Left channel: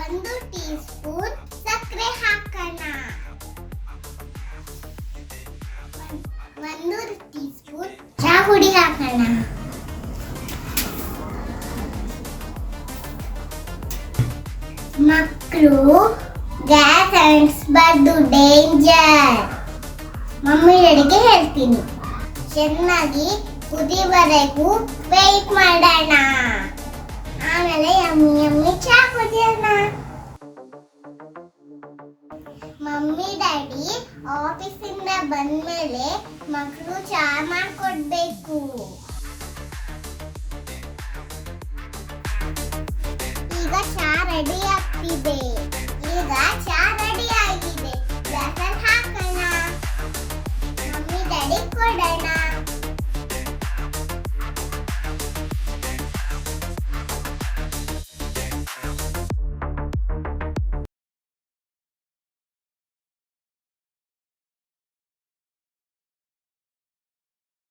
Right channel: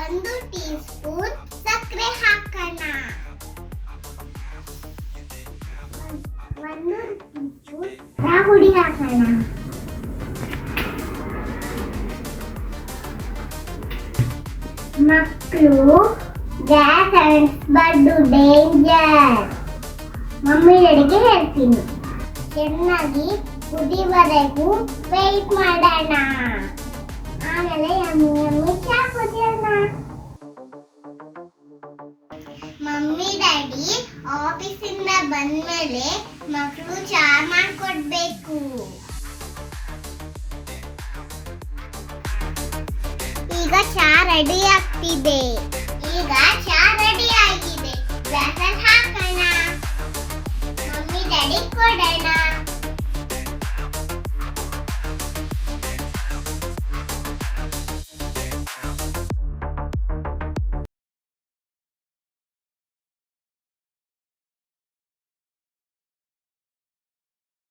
ಒಂದು tea spoon ಸಕ್ಕರೆ ಹಾಕೋಣ. ಒಂದು ಟೀ ಸ್ಪೂನ್ ಚಹಾ ಪುಡಿ ಹಾಕೋಣ. ಮಕ್ಕಳು ಗ್ಯಾಸ್ ಅಂಟಿಸಬಾರ್ದು, ಡೇಂಜರ್. ಮಮ್ಮಿ ಡ್ಯಾಡಿಗೆ ಹೇಳ್ತೀನಿ. ಚೆನ್ನಾಗಿ ಕುದಿವರೆಗೂ ವೇಟ್ ಮಾಡೋಣ. ಆಮೇಲೆ ಯಮ್ಮಿ ಯಮ್ಮಿ ಚಹಾ ಕುಡಿಯೋಣ. ಮಮ್ಮಿ ಡ್ಯಾಡಿ ಆಫೀಸಿಂದ ಬಂದ್ಮೇಲೆ ಮಕ್ಕಳು ಚಹಾ ಮಾಡ್ಕೊಡ್ಬೇಕು. ಈಗ ಚಹಾ ರೆಡಿ ಆಗ್ತಿದೆ.